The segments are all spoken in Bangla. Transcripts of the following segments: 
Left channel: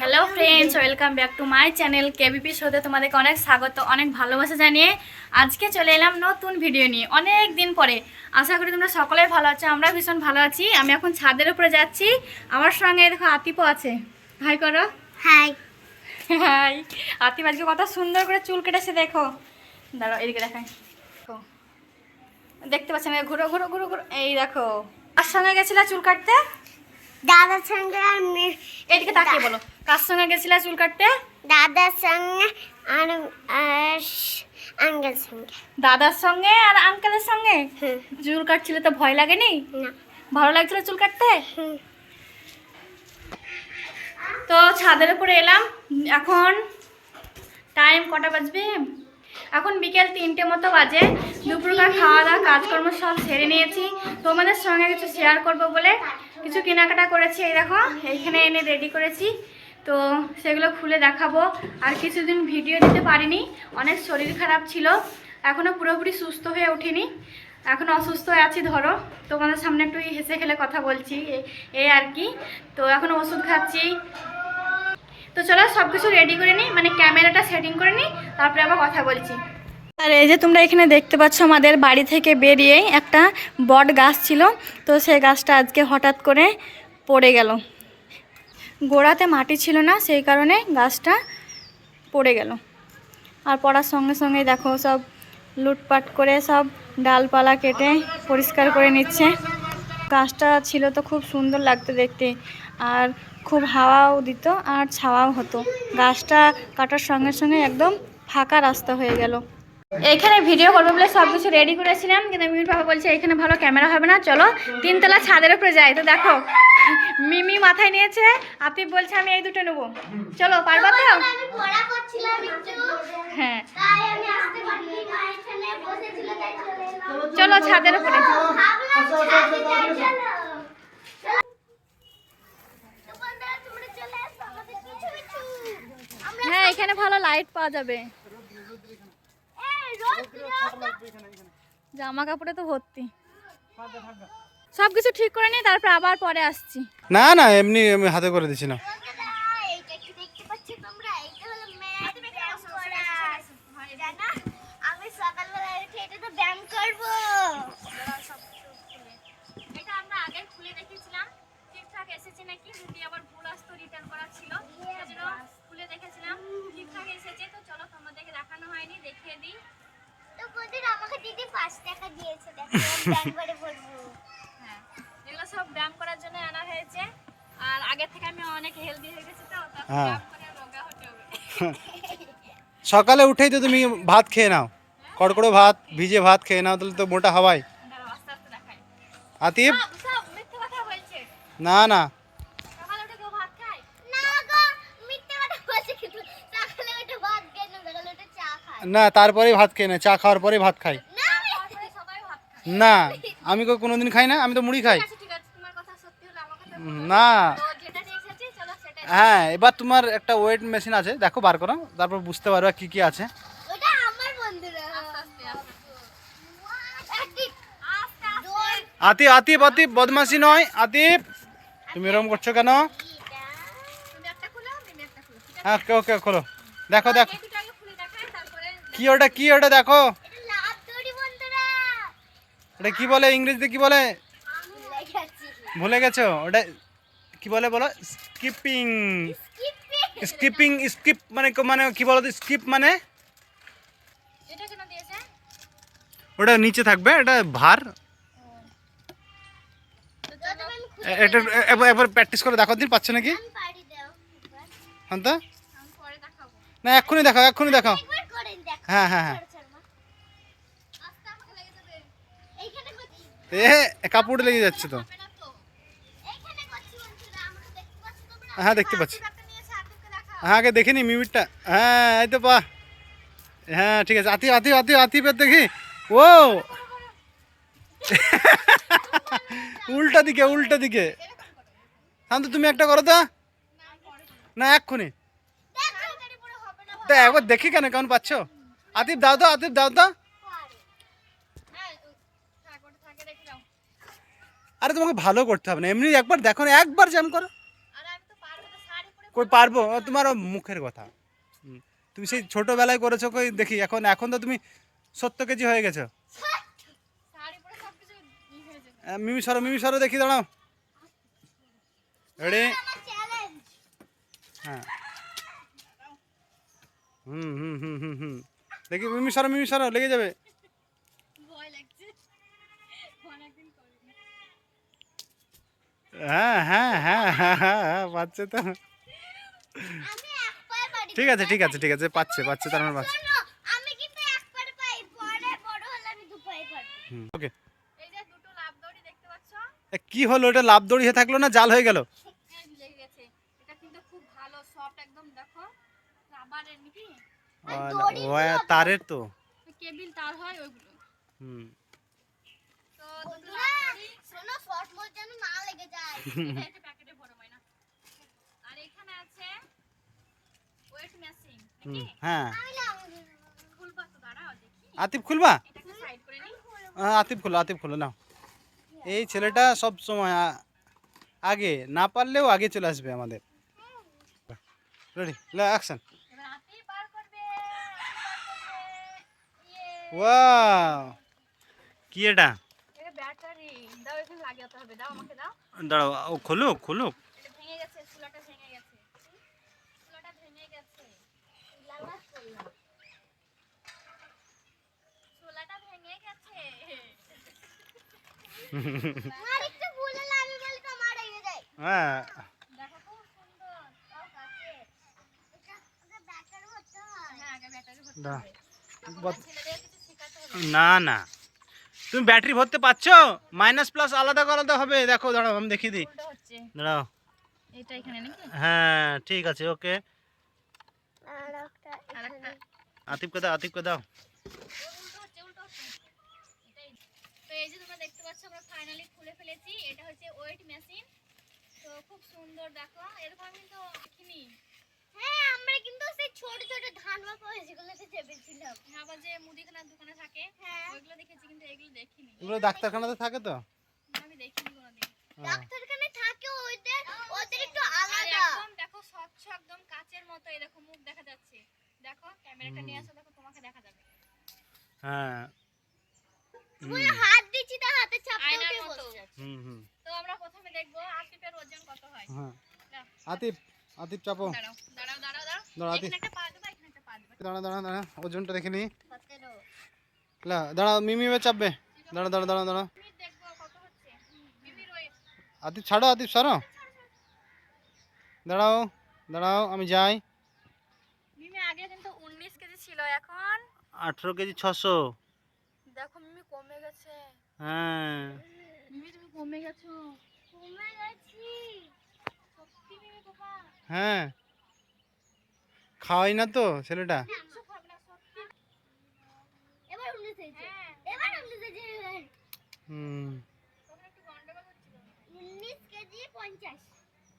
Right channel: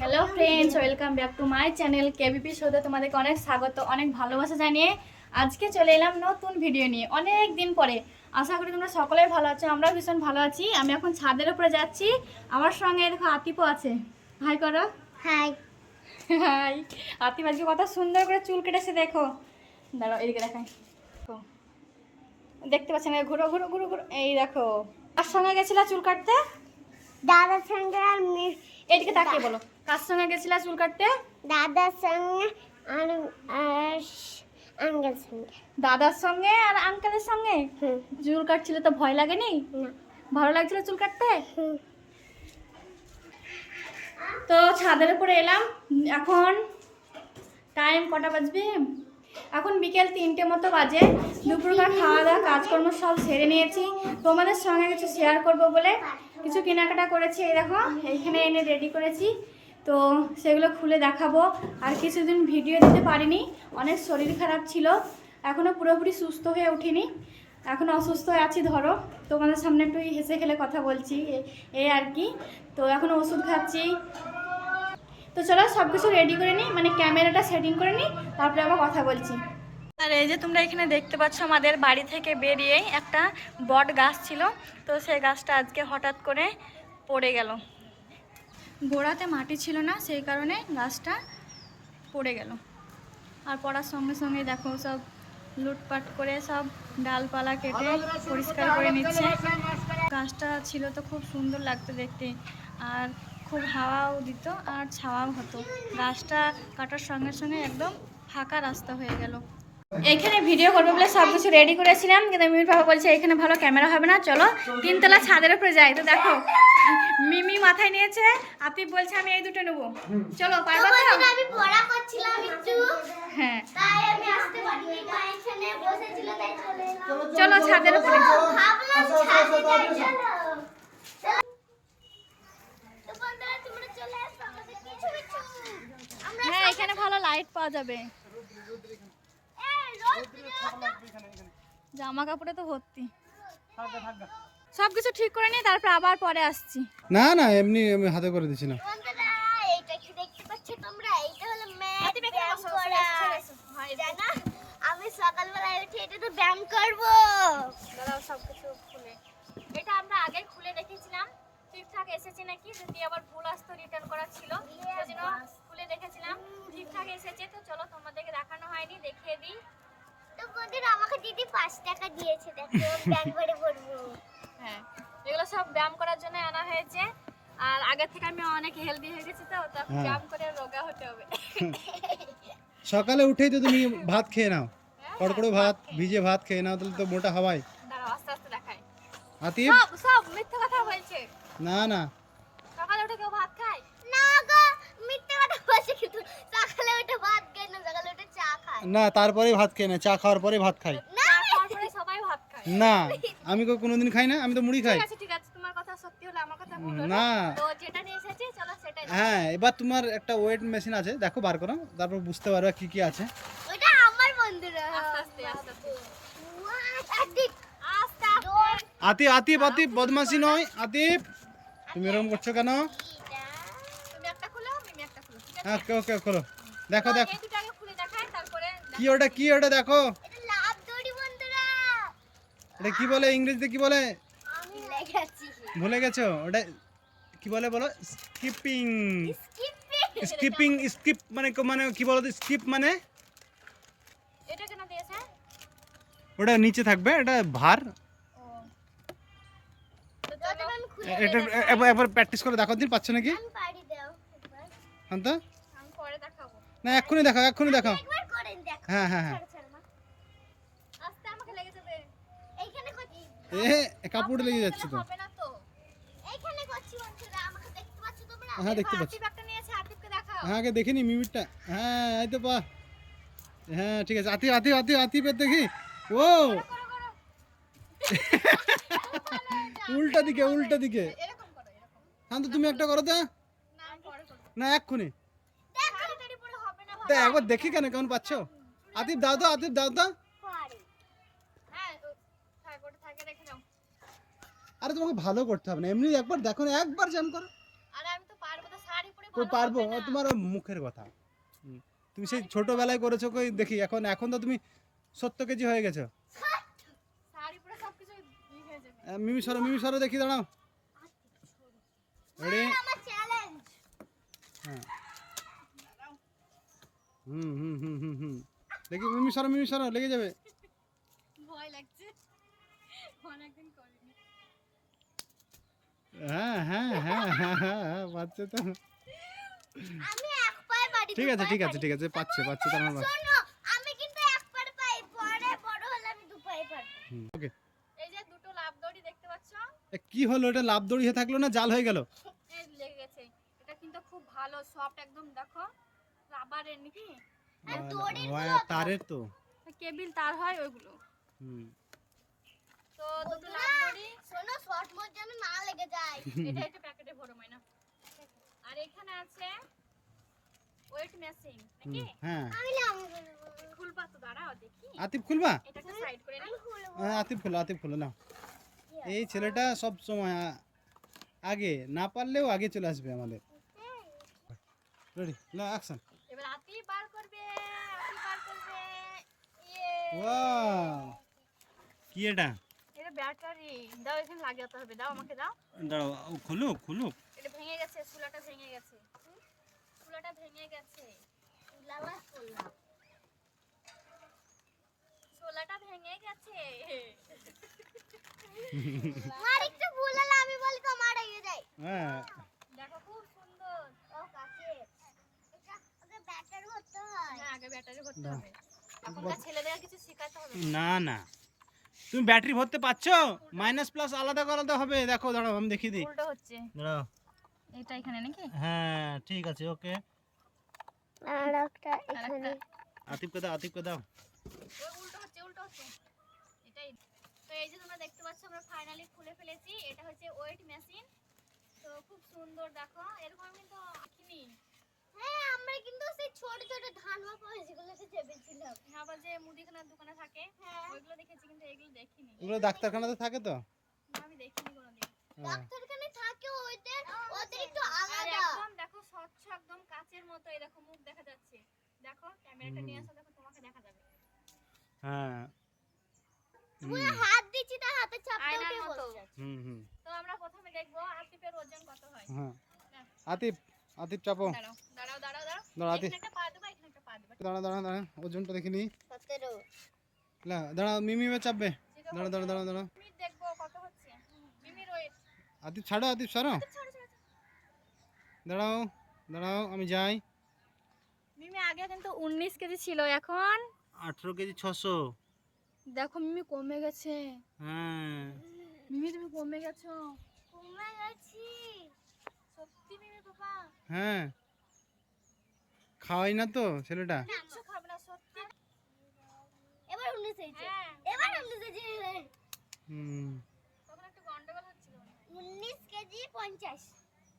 Hello friends welcome back to my channel KBP শোতে তোমাদেরকে অনেক স্বাগত অনেক ভালোবাসা জানিয়ে আজকে চলে এলাম নতুন ভিডিও নিয়ে অনেক দিন পরে। আশা করি তোমরা সকলেই ভালো আছো আমরা ভীষণ ভালো আছি। আমি এখন ছাদের উপরে যাচ্ছি আমার সঙ্গে দেখো আতিপও আছে। হাই করো। হাই হাই আতিপ আজকে কত সুন্দর করে চুল কেটেছে দেখো। দাঁড়াও এদিকে দেখাই। দেখো। দেখতে পাচ্ছেন ঘুরো ঘুরো ঘুরো ঘুরো এই দেখো। আর সঙ্গে গেছিলা চুল কাটতে? দাদার সঙ্গে আর এদিকে তাকিয়ে বলো। কার সঙ্গে গেছিলা চুল কাটতে? দাদার সঙ্গে আর আর আঙ্কেল সঙ্গে। দাদার সঙ্গে আর আঙ্কেলের সঙ্গে? চুল কাটছিলে তো ভয় লাগেনি? না। ভালো লাগছিল চুল কাটতে? তো ছাদের উপরে এলাম। এখন টাইম কটা বাজবে? এখন বিকেল তিনটে মতো বাজে। দুপুরকার খাওয়া দাওয়া কাজকর্ম সব সেরে নিয়েছি। তোমাদের সঙ্গে কিছু শেয়ার করব বলে কিছু কেনাকাটা করেছি। এই দেখো এইখানে এনে রেডি করেছি। তো সেগুলো খুলে দেখাবো। আর কিছুদিন ভিডিও দিতে পারিনি, অনেক শরীর খারাপ ছিল এখনও পুরোপুরি সুস্থ হয়ে উঠিনি। এখন অসুস্থ আছি, ধরো। তোমাদের সামনে একটু হেসে খেলে কথা বলছি এই আর কি। তো এখন ওষুধ খাচ্ছি। তো চলো সব কিছু রেডি করে নিই মানে ক্যামেরাটা সেটিং করে নিই, তারপরে আবার কথা বলছি। আর এই যে তোমরা এখানে দেখতে পাচ্ছ আমাদের বাড়ি থেকে বেরিয়েই একটা বট গাছ ছিল, তো সেই গাছটা আজকে হঠাৎ করে পড়ে গেল। গোড়াতে মাটি ছিল না, সেই কারণে গাছটা পড়ে গেল। আর পড়ার সঙ্গে সঙ্গে দেখো সব লুটপাট করে সব ডালপালা কেটে পরিষ্কার করে নিচ্ছে। গাছটা ছিল তো খুব সুন্দর লাগতো দেখতে আর খুব হাওয়াও দিত আর ছাওয়াও হতো। গাছটা কাটার সঙ্গে সঙ্গে একদম ফাঁকা রাস্তা হয়ে গেল। এইখানে ভিডিও করব বলে সব কিছু রেডি করেছিলাম কিন্তু মিমির বাবা বলছে এখানে ভালো ক্যামেরা হবে না চলো তিনতলা ছাদের উপরে যাই। তো দেখো মিমি মাথায় নিয়েছে আতিফ বলছে আমি এই দুটো নেব। চলো পারবা তো? আমি পড়া করছিলাম একটু হ্যাঁ। তাই আমি আসতে পারিনি মা এখানে বসেছিল তাই চলে ছাদের উপরে। হ্যাঁ এখানে ভালো লাইট পাওয়া যাবে। জামা কাপড়ে তো ভর্তি। সব কিছু ঠিক করে নিই তারপর আবার পরে আসছি। না না এমনি আমি হাতে করে দিচ্ছি না। বন্ধুরা এইটা কি দেখতে পাচ্ছ তোমরা? এইটা হলো ম্যাট ব্যায়াম করা। জানা আমি সকালবেলায় এটা তো ব্যায়াম করব। এটা আমরা আগে খুলে দেখেছিলাম। ঠিকঠাক এসেছে নাকি? যদি আবার ভুল আসতো রিটার্ন করার ছিল। সেজন্য খুলে দেখেছিলাম। ঠিকঠাক এসেছে তো চলো তোমাদেরকে দেখানো হয়নি দেখিয়ে দিই। তো বন্ধুরা আমাকে দিদি পাঁচ টাকা দিয়েছে দেখো ব্যায়াম করে হ্যাঁ এগুলো সব ব্যায়াম করার জন্য আনা হয়েছে। আর আগে থেকে আমি অনেক হেলদি হয়ে গেছি তো তো। ব্যায়াম করে রোগা হতে হবে। সকালে উঠেই তো তুমি ভাত খেয়ে নাও। কড়কড়ো ভাত ভিজে ভাত খেয়ে নাও তাহলে তো মোটা হওয়াই আতিফ? না না সকালে উঠে কেউ ভাত খায় না গো মিথ্যে কথা বলছে কিন্তু সকালে উঠে ভাত খাই না সকালে উঠে চা খাই না তারপরেই ভাত খেয়ে না চা খাওয়ার পরেই ভাত খাই না তারপরে সবাই ভাত খায়। আমি কোনোদিন খাই না আমি তো মুড়ি খাই। ঠিক আছে ঠিক আছে তোমার কথা সত্যি হলে আমার কথা উম, বলো না। তো যেটা নিয়ে এসেছি চলো সেটাই। হ্যাঁ এবার তোমার একটা ওয়েট মেশিন আছে দেখো বার করো তারপর বুঝতে পারবে কি কি আছে। আতিফ। আতিফ আতিফ বদমাসি নয় আতিফ। তুমি এরকম করছ কেন? তুমি একটা খুলো আমি একটা খুলো ঠিক আছে? হ্যাঁ ওকে ওকে খোলো। দেখো দেখো এই দুটো আগে খুলে দেখাই তারপরে কি ওটা কি ওটা দেখো। ওটা কি বলে ইংরেজিতে কি বলে? ভুলে গেছো? ওটা কি বলে বলো? স্কিপিং। স্কিপিং। স্কিপিং মানে মানে কি বলো স্কিপ মানে? ওটা নিচে থাকবে এটা ভার। এটা একবার প্র্যাকটিস করে দেখো দিন পাচ্ছ নাকি? হ্যাঁ তো না এক্ষুনি দেখাও এক্ষুনি দেখাও। দেখো হ্যাঁ হ্যাঁ হ্যাঁ। এ কাপড় লেগে যাচ্ছে তো। হ্যাঁ দেখতে পাচ্ছি। হ্যাঁ আগে দেখিনি মিমিটটা হ্যাঁ এই তো পা হ্যাঁ ঠিক আছে। আতিফ আতিফ আতিফ আতিফের দেখি। ও! উল্টা দিকে উল্টা দিকে। হ্যাঁ তো তুমি একটা করো তো। না এক্ষুনি। একবার দেখি কেন কেমন পাচ্ছ? আতিফ দাও তো আতিফ দাও তো আরে তোমাকে ভালো করতে হবে না। এমনি একবার দেখো না, একবার জ্যাম করো। পারব? তোমার মুখের কথা। তুমি সেই ছোটবেলায় করেছ কই? দেখি, এখন এখন তো তুমি সত্তর কেজি হয়ে গেছো। মিমি সরো মিমি সরো, দেখি, দাঁড়াও। রেডি হ্যাঁ। হুম হুম হুম হুম হুম। দেখি মিমি সরো মিমি সরো লেগে যাবে। হ্যাঁ হ্যাঁ হ্যাঁ হ্যাঁ হ্যাঁ পাচ্ছে তো। ঠিক আছে ঠিক আছে ঠিক আছে পাচ্ছে পাচ্ছে তার মানে পাচ্ছে। আমি কিন্তু এক পাই পরে বড় হলে আমি দু পায়ে ওকে। এই যে দুটো লাভ দড়ি দেখতে পাচ্ছ? কি হলো এটা লাভ দড়ি হয়ে থাকল না জাল হয়ে গেল? এটা কিন্তু খুব ভালো সফট একদম দেখো। রাবারের নাকি? তারের তো। কেবিল তার হয় ওইগুলো। হুম। তো দুটো বন্ধুরা, লাভ দড়ি শোনো শর্ট মোড যেন না লেগে যায়। এটা একটু প্যাকেটে ভরো মাইনা। আর এখানে আছে ওয়েট মেশিন হুম হ্যাঁ। আমি নাম খুলবা তো দাঁড়াও দেখি। আতিফ খুলবা? এটাকে সাইড করে নিই হ্যাঁ, আতিফ খুলো আতিফ খুলো নাও। এই ছেলেটা সব সময় আ- আগে না পারলেও আগে চলে আসবে আমাদের। রেডি অ্যাকশন এবার হাতি বার করবে হাতি বার করবে ইয়ে ওয়াও কি এটা? এটা ব্যাটারি। দাও এখানে লাগাতে হবে। দাও আমাকে দাও। দাঁড়াও ও খুলুক খুলুক। এটা ভেঙে গেছে চুলাটা ভেঙে গেছে। চুলাটা ভেঙে গেছে। লালাস করলাম। চুলাটা ভেঙে গেছে। মার একটু ভুল আমি বলি তো মার হয়ে যায়। হ্যাঁ। দেখো খুব সুন্দর। ও কাছে। এটা ওটা ব্যাটারি হতে হয়। হ্যাঁ আগে ব্যাটারি ভরতে দাও। ছেলেদের কিছু না না। তুমি ব্যাটারি ভরতে পারছ? মাইনাস প্লাস আলাদা আলাদা হবে। দেখো দাঁড়াও আমি দেখিয়ে দিই। দাঁড়াও। এটা এখানে নাকি? হ্যাঁ ঠিক আছে ওকে। আতিফকে দাও আতিফকে দাও। ওর উল্টো হচ্ছে উল্টো হচ্ছে। এটাই। তো এই যে তোমরা দেখতে পাচ্ছ আমরা ফাইনালি খুলে ফেলেছি। এটা হচ্ছে ওয়েট মেশিন তো খুব সুন্দর দেখো। এরকম কিন্তু দেখিনি। হ্যাঁ আমরা কিন্তু সেই ছোট ছোট ধান বা পাওয়া যেগুলোতে চেপেছিলাম। আবার যে মুদিখানার দোকানে থাকে হ্যাঁ। ওইগুলো দেখেছি কিন্তু এগুলো দেখিনি। এগুলো ডাক্তারখানাতে থাকে তো? না, আমি দেখিনি কোনোদিন। হ্যাঁ। ডাক্তারখানে থাকে ওদের ওদের একটু আলাদা। একদম দেখো স্বচ্ছ একদম কাচের মতো এই দেখো মুখ দেখা যাচ্ছে। দেখো ক্যামেরাটা নিয়ে আসো দেখো তোমাকে দেখা যাবে। হ্যাঁ। পুরো হাত দিচ্ছি তার হাতে আয়নার উঠে বসছে হুম হুম। তো আমরা প্রথমে দেখব আতিফের ওজন কত হয়। হ্যাঁ। আতিফ আতিফ চাপো। দাঁড়াও। দাঁড়াও দাঁড়া দাঁড়া দাঁড়া ওজনটা দেখে নি। লা দাঁড়া মিমি এবার চাপবে। দাঁড়া দাঁড়া দাঁড়া দাঁড়া। আতিফ ছাড়ো আতিফ ছাড়ো। দাঁড়াও দাঁড়াও আমি যাই। মিমি আগে কিন্তু উনিশ কেজি ছিল এখন? আঠেরো কেজি ছশো। দেখো মিমি কমে গেছে। হ্যাঁ। মিমি তুমি কমে গেছো। কমে গেছি। সত্যি মিমি বাবা হ্যাঁ। খাওয়াই না তো ছেলেটা? হ্যাঁ।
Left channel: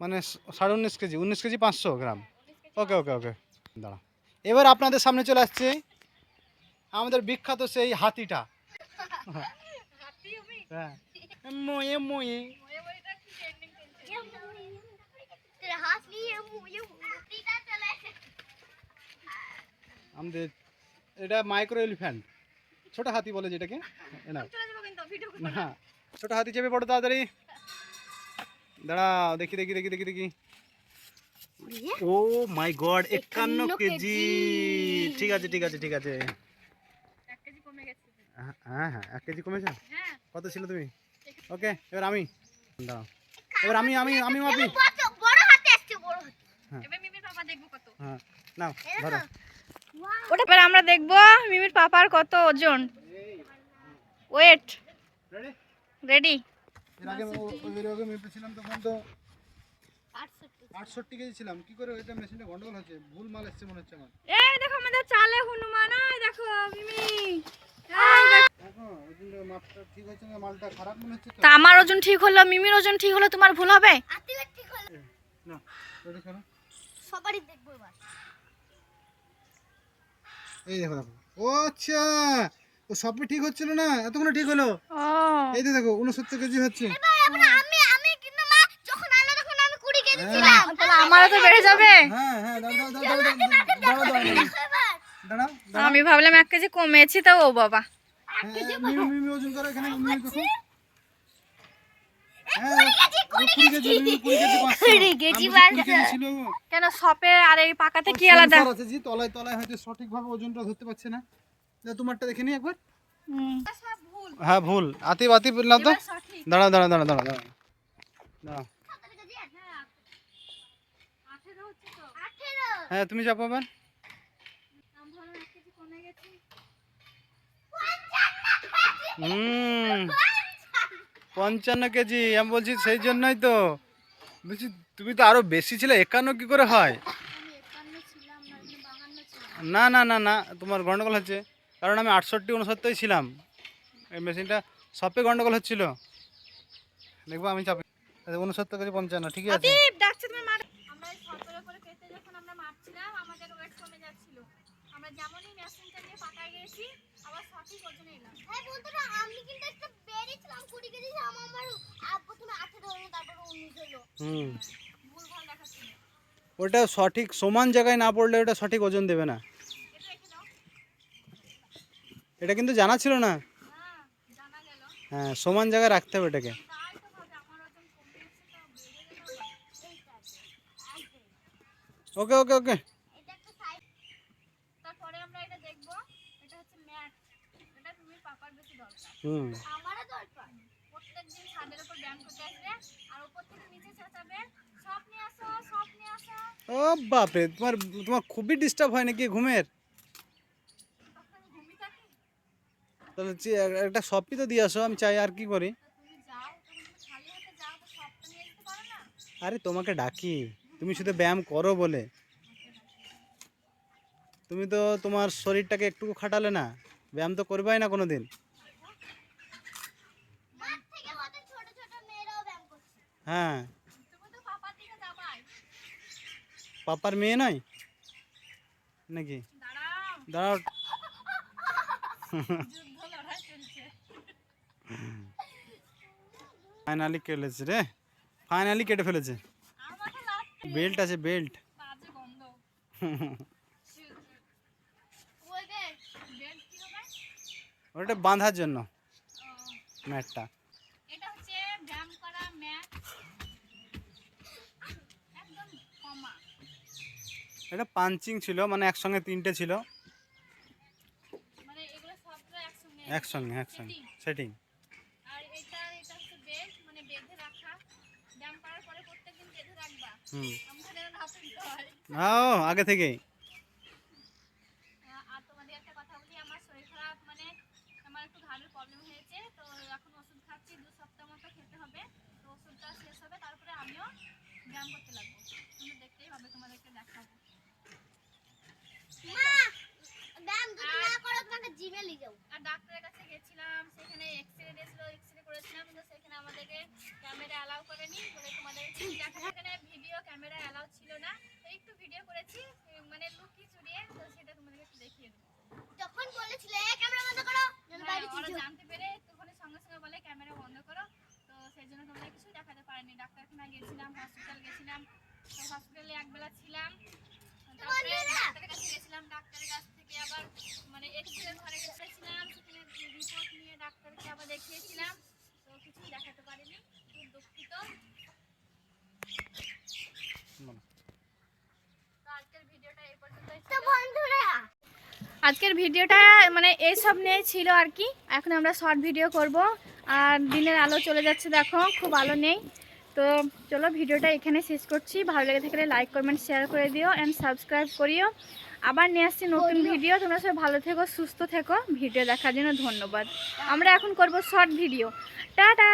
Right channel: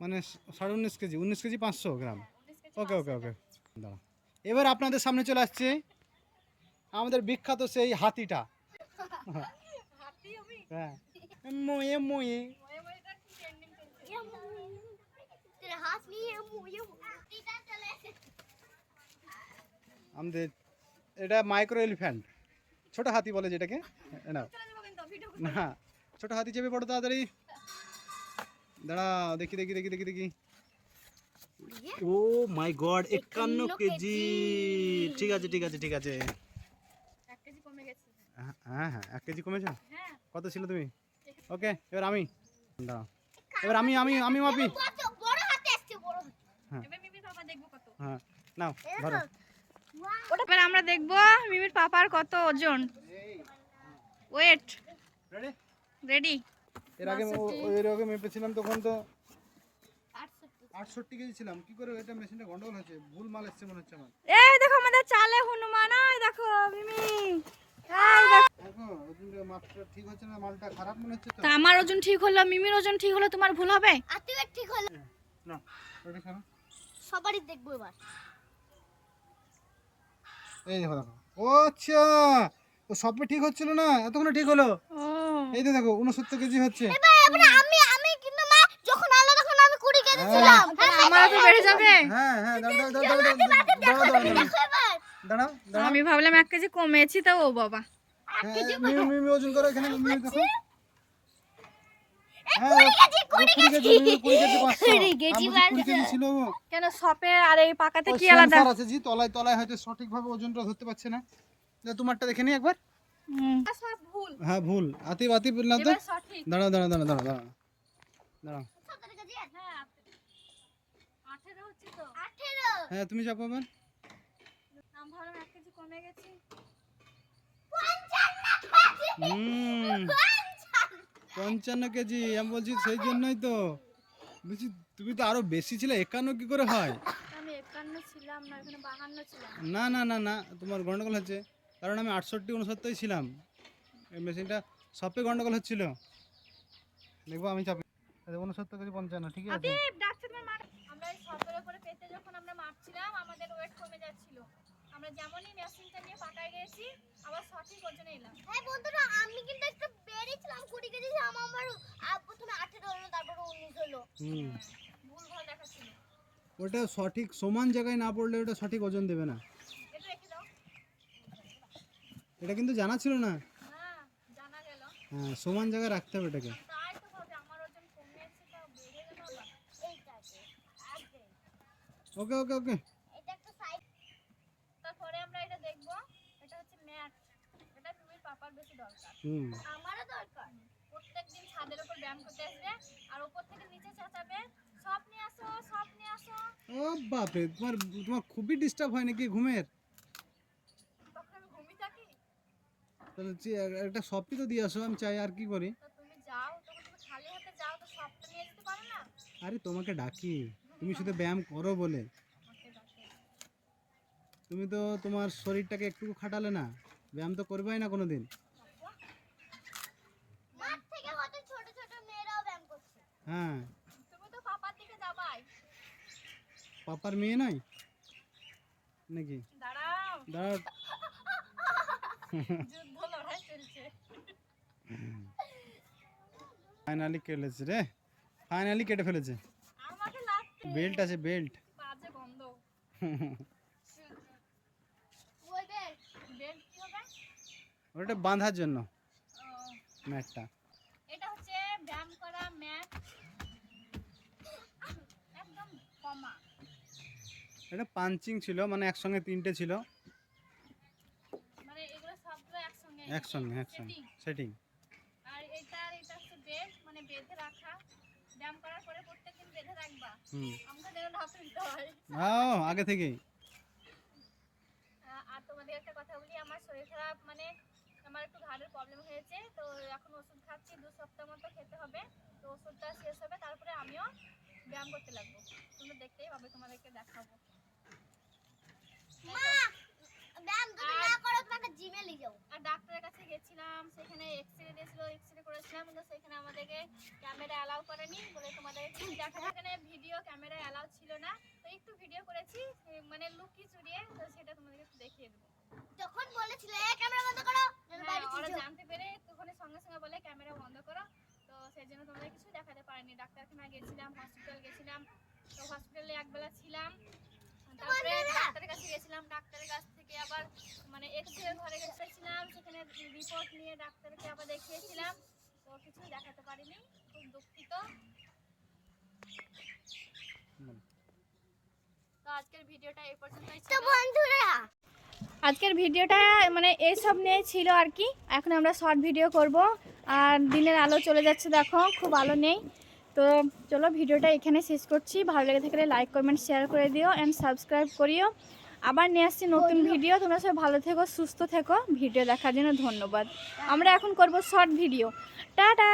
মানে সাড়ে উনিশ কেজি উনিশ কেজি পাঁচশো গ্রাম। ওকে ওকে ওকে। দাঁড়া। এবার আপনাদের সামনে চলে আসছে। আমাদের বিখ্যাত সেই হাতিটা। হ্যাঁ। মোয়ে আমাদের এটা মাইক্রো এলিফ্যান্ট ছোট হাতি বলে যেটাকে না হ্যাঁ, ছোট হাতি চেপে পড়ো তাড়াতাড়ি। দাঁড়া দেখি দেখি দেখি দেখি দেখি। ও মাই গড একান্ন কেজি। ঠিক আছে ঠিক আছে ঠিক আছে। হ্যাঁ, হ্যাঁ হ্যাঁ এক কেজি কমেছে? কত ছিল তুমি? ওকে এবার আমি। দাঁড়াও। এবার আমি আমি আমি মাপি। হ্যাঁ।, হ্যাঁ। নাও ধরো। ওটা আমরা দেখব মিমির পাপার কত ওজন। ওয়েট রেডি রেডি এর আগে এর আগে মেপেছিলাম তখন তো 68 আটষট্টি কেজি ছিলাম। কি করে এটা মেশিনটা গন্ডগোল হচ্ছে? ভুল মাল এসছে মনে হচ্ছে আমার। এই দেখো আমাদের চালে হনুমান এই দেখো মিমি। এই দেখো। দেখো মাপটা ঠিক হচ্ছে না মালটা খারাপ মনে হচ্ছে তা। আমার ওজন ঠিক হলো মিমির ওজন ঠিক হলো তোমার ভুল হবে? ঠিক হলো। না সবারই দেখব এবার। এই দেখো দেখো। ও আচ্ছা ও সবই ঠিক হচ্ছিল না? এতক্ষণ ঠিক হলো? এই তো দেখো উনসত্তর কেজি হচ্ছে। আমি আমি কিন্তু মা যখন আলো তখন আমি কুড়ি কেজি হ্যাঁ। তাহলে আমারও তো বেড়ে যাবে। হ্যাঁ হ্যাঁ দাঁড়াও দাঁড়াও দাঁড়াও দাঁড়াও দাঁড়াও দাঁড়াও দাঁড়াও আমি ভাবলাম এক কেজি কমেছি তো ও বাবা। হ্যাঁ, ওজন করো এখানে কেন সপে আর এই পাকাতে কি আলাদা? আছে জি তলায় তলায় হয়তো সঠিকভাবে ওজনটা ধরতে পারছে না। যা তোমারটা দেখে নি একবার। হ্যাঁ ভুল। আতিব আতিব না তো। দাঁড়াও দাঁড়াও দাঁড়াও দাঁড়াও দাঁড়াও হ্যাঁ তুমি চাপো এবার হুম। পঞ্চান্ন কেজি আমি বলছি সেই জন্যই তো। বলছি তুমি তো আরও বেশি ছিলে একান্ন কি করে হয়? না না না না তোমার গন্ডগোল হচ্ছে। কারণ আমি আটষট্টি উনসত্তরই ছিলাম। এই মেশিনটা সবে গন্ডগোল হচ্ছিল। দেখব আমি চাপে উনসত্তর কেজি পঞ্চান্ন ঠিক আছে। ডাকছে তোমার আমরা উপরে পেতে যখন আমরা মারছিলাম আমাদের ওয়েট কমে যাচ্ছিল। আমরা যেমনই মেশিনটা নিয়ে পাকায় গেছি আবার সঠিক ওজনে এলাম। হ্যাঁ বন্ধুরা আমি কিন্তু একটু বেরিয়েছিলাম কুড়ি কেজি আমার আমার প্রথমে আঠেরো হলো তারপরে উনিশ হলো। হুম। ভুল ভালো দেখাচ্ছিল ওটা সঠিক সমান জায়গায় না পড়লে ওটা সঠিক ওজন দেবে না। এটা রেখে দাও? এটা কিন্তু জানা ছিল না। হ্যাঁ জানা গেল। হ্যাঁ সমান জায়গায় রাখতে হবে এটাকে। ওকে ওকে ভাবে আমার ওজন কমে এসেছে তো বেড়ে গেল এইটাতে একদম। ওকে ওকে ওকে এটা একটা সাইড তারপরে আমরা এটা দেখব এটা হচ্ছে ম্যাট এটা তুমি পাপার বেশি দরকার হুম। আমারও দরকার। প্রত্যেকদিন ছাদের উপর ব্যায়াম করতে আসবে আর উপর থেকে নিচে চেঁচাবে সব নিয়ে আসো সব নিয়ে আসো। ও বাপরে তোমার তোমার খুবই ডিস্টার্ব হয় নাকি ঘুমের? তাহলে একটা সপি তো দিয়ে আসো আমি চাই আর কি করি? আরে তোমাকে ডাকি তুমি শুধু ব্যায়াম করো বলে। তুমি তো তোমার শরীরটাকে একটু খাটালে না ব্যায়াম তো করবাই না কোনো দিন মাঠ থেকে হয়তো ছোট ছোট মেয়েরাও ব্যায়াম করছে হ্যাঁ। পাপার মেয়ে নয় নাকি? দাঁড়াও। ফাইনালি কেটেছে রে। ফাইনালি কেটে ফেলেছে। বেল্ট আছে বেল্ট ওটা বাঁধার জন্য ম্যাটটা এটা হচ্ছে ব্যায়াম করা ম্যাট একদম কমা এটা পাঞ্চিং ছিল মানে একসঙ্গে তিনটে ছিল। মানে একসঙ্গে? একসঙ্গে সেটিং মানে বেঁধে রাখা। ব্যায়াম করার পরে প্রত্যেকদিন বেঁধে রাখবা। হুম। আমাকে যেন না ফেলতে ও আগে থেকেই। আহ, আর তোমাদের একটা কথা বলি আমার শরীর খারাপ মানে আমার একটু ঘাড়ের প্রবলেম হয়েছে তো এখন ওষুধ খাচ্ছি দু সপ্তাহ মতো খেতে হবে। তো ওষুধটা শেষ হবে তারপরে আমিও ব্যায়াম করতে লাগবো। তুমি দেখতেই পাবে তোমাদেরকে দেখাবো। মা ব্যায়াম যদি না করো তোমাকে জিমে নিয়ে যাও আর ডাক্তারের কাছে গেছিলাম সেখানে এক্সরে দিয়েছিল এক্সরে করেছিলাম কিন্তু সেখানে আমাদেরকে ক্যামেরা অ্যালাউ করেনি বলে তোমাদের সেখানে ভিডিও ক্যামেরা অ্যালাউ ছিল না। তো একটু ভিডিও করেছি মানে লুকি চুরিয়ে তো সেটা তোমাদেরকে একটু দেখিয়ে দেবো তখন বলেছিলে "এ, ক্যামেরা বন্ধ করো আমি হ্যাঁ, বাইরে ওরা ছিল জানতে পেরে একটুখানি সঙ্গে সঙ্গে বলে ক্যামেরা বন্ধ করো তো সেই জন্য তোমাদের কিছু দেখাতে পারিনি ডাক্তারখানা গেছিলাম হসপিটাল গেছিলাম তো হসপিটালে একবেলা ছিলাম তারপরে ডাক্তারের কাছে গেছিলাম ডাক্তারের কাছ থেকে আবার মানে এক্সরে ঘরে গেছিলাম সেখানে রিপোর্ট নিয়ে ডাক্তারকে আবার দেখিয়েছিলাম তো কিছু দেখাতে পারিনি খুব দুঃখিত বলো। তো আজকের ভিডিওটা এই পর্যন্তই তো ছিল। বন্ধুরা। আজকের ভিডিওটা মানে এই সব নিয়ে ছিল আর কি। এখন আমরা শর্ট ভিডিও করব। আর দিনের আলো চলে যাচ্ছে দেখো খুব আলো নেই। তো চলো ভিডিওটা এখানে শেষ করছি। ভালো লেগে থাকলে লাইক কমেন্ট শেয়ার করে দিও অ্যান্ড সাবস্ক্রাইব করিও। আবার নিয়ে আসছি নতুন ভিডিও। তোমরা সবাই ভালো থেকো সুস্থ থেকো। ভিডিও দেখার জন্য ধন্যবাদ। আমরা এখন করব শর্ট ভিডিও। টাটা!